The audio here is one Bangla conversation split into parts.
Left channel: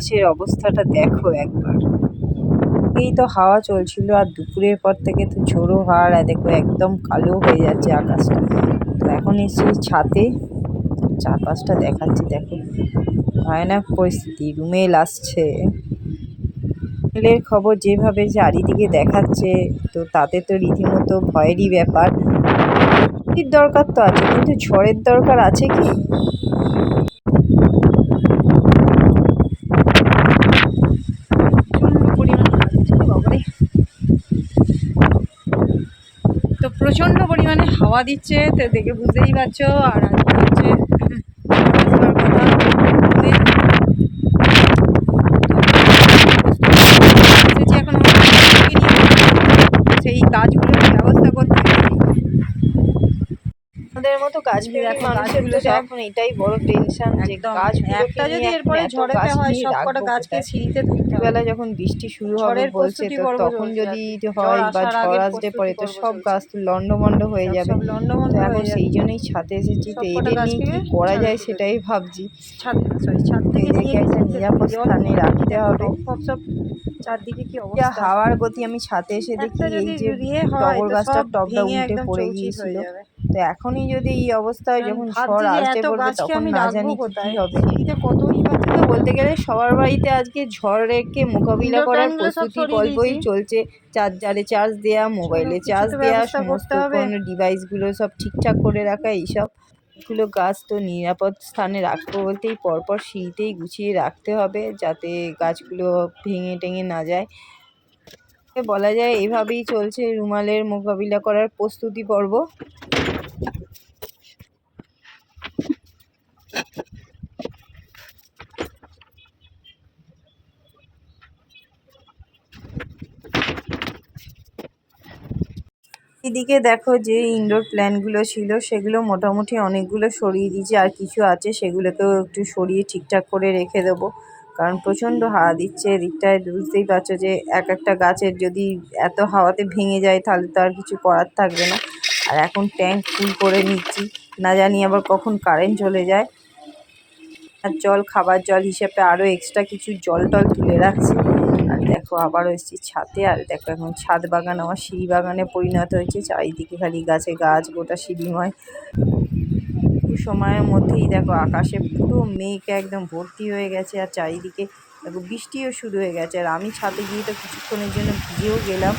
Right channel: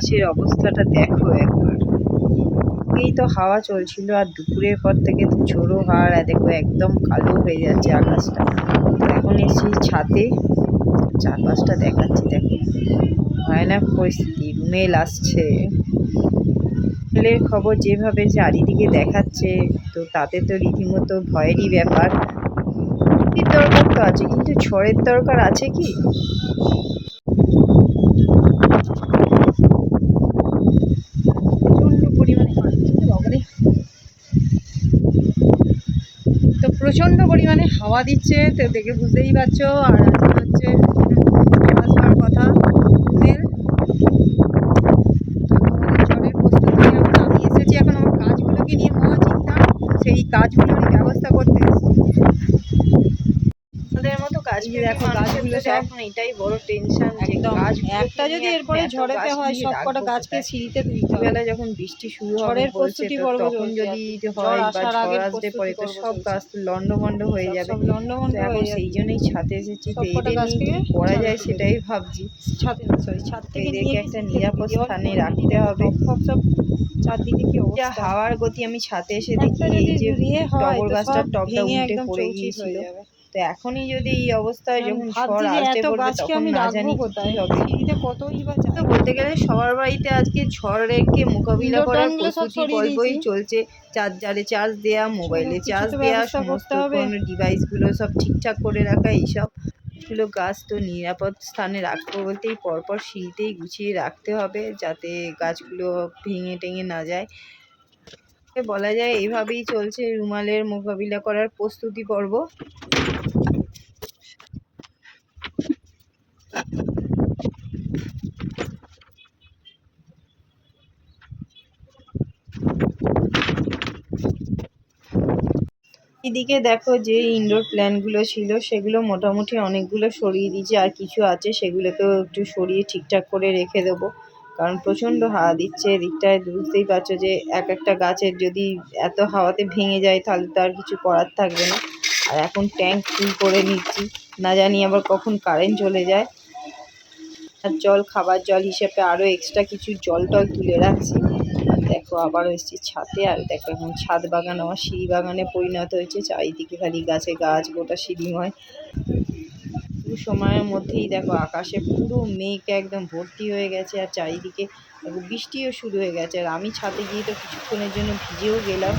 আকাশের অবস্থাটা দেখো একবার। এই তো হাওয়া চলছিল আর দুপুরের পর থেকে তো ঝোড়ো হাওয়ার দেখো একদম কালো হয়ে যাচ্ছে আকাশটা। তো এখন এসেছি ছাদে চারপাশটা দেখাচ্ছি, দেখো। ভয়ানক পরিস্থিতি রুমেল আসছে রুমেলের খবর যেভাবে চারিদিকে দেখাচ্ছে, তো তাতে তো রীতিমতো ভয়েরই ব্যাপার। দরকার তো আছে, কিন্তু ঝড়ের দরকার আছে কি প্রচণ্ড পরিমাণে বাবারে তো প্রচণ্ড পরিমাণে হাওয়া দিচ্ছে, তো দেখে বুঝতেই পারছ, আর হচ্ছে কথা। এখন সেই কাজগুলোর ব্যবস্থা করতে। আমাদের মতো কাজগুলো দেখো গাছগুলো এখন এটাই বড় টেনশন একদম। একটা যদি এরপরে ঝড়েতে হয় সব কটা গাছকে সিঁড়িতে তুলতে বেলা যখন বৃষ্টি শুরু হবে বলছে তখন যদি হয় বা ঝড় আসতে পারে তো সব গাছ তো লন্ডভন্ড হয়ে যাবে। তো হয়ে এখন সেই জন্যই ছাদে এসেছি তো কি করা যায় সেটাই ভাবছি। ছাদ সরি ছাদ থেকে একটা নিরাপদ স্থানে রাখতে হবে। সব সব চারদিকে কি অবস্থা? হাওয়ার গতি আমি ছাদে এসে দেখি এই যদি যে ইয়ে হয় টগর টবটা ভেঙে উল্টে পড়ে হয়ে গিয়েছিল। যাবে। তো এখনই যদি এই অবস্থা হয় যখন ঝড় আসতে পড়বে তখন না জানি কি হবে। তো বলতে গেলে সবার বাড়িতে আজকে ঝড়েরকে মোকাবিলা করার প্রস্তুতি দিয়েছি। চলছে। চার্জারে চার্জ দেওয়া মোবাইলে চার্জ দেওয়া সমস্ত কোনো ডিভাইসগুলো সব ঠিকঠাক করে রাখা এইসব। গুলো গাছ তো নিরাপদ স্থানে রাখব বলতেই পরপর সিঁড়িতেই গুছিয়ে রাখতে হবে যাতে গাছগুলো ভেঙে টেঙে না যায়। বলা যায় এভাবেই চলছে রুমালের মোকাবিলা করার প্রস্তুতি পর্ব। এদিকে দেখো যে ইনডোর প্ল্যানগুলো ছিল, সেগুলো মোটামুটি অনেকগুলো সরিয়ে দিয়েছি, আর কিছু আছে সেগুলোকেও একটু সরিয়ে ঠিকঠাক করে রেখে দেবো। কারণ প্রচণ্ড হাওয়া দিচ্ছে, এদিকটায় বুঝতেই পারছ যে এক একটা গাছের যদি এত হাওয়াতে ভেঙে যায় তাহলে তো আর কিছু করার থাকবে না। আর এখন ট্যাঙ্ক ফুল করে নিচ্ছি, না জানি আবার কখন কারেন্ট চলে যায়। আর জল খাবার জল হিসেবে আরও এক্সট্রা কিছু জল টল তুলে রাখছি। আর দেখো, আবারও এসেছি ছাদে, আর দেখো এখন ছাদ বাগান, আমার সিঁড়ি বাগানে পরিণত হয়েছে। চারিদিকে খালি গাছে গাছ, গোটা সিঁড়িময়। একটু সময়ের মধ্যেই দেখো আকাশে পুরো মেঘ একদম ভর্তি হয়ে গেছে আর চারিদিকে দেখো বৃষ্টিও শুরু হয়ে গেছে। আর আমি ছাদে গিয়ে তো কিছুক্ষণের জন্য ভিজেও গেলাম।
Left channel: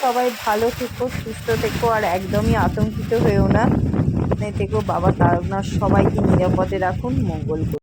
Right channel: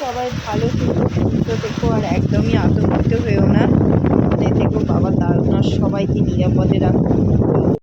সবাই ভালো থেকো, সুস্থ থেকো আর একদমই আতঙ্কিত হয়েও না। মানে থেকো বাবা, তার সবাইকে নিরাপদে রাখুন মঙ্গল।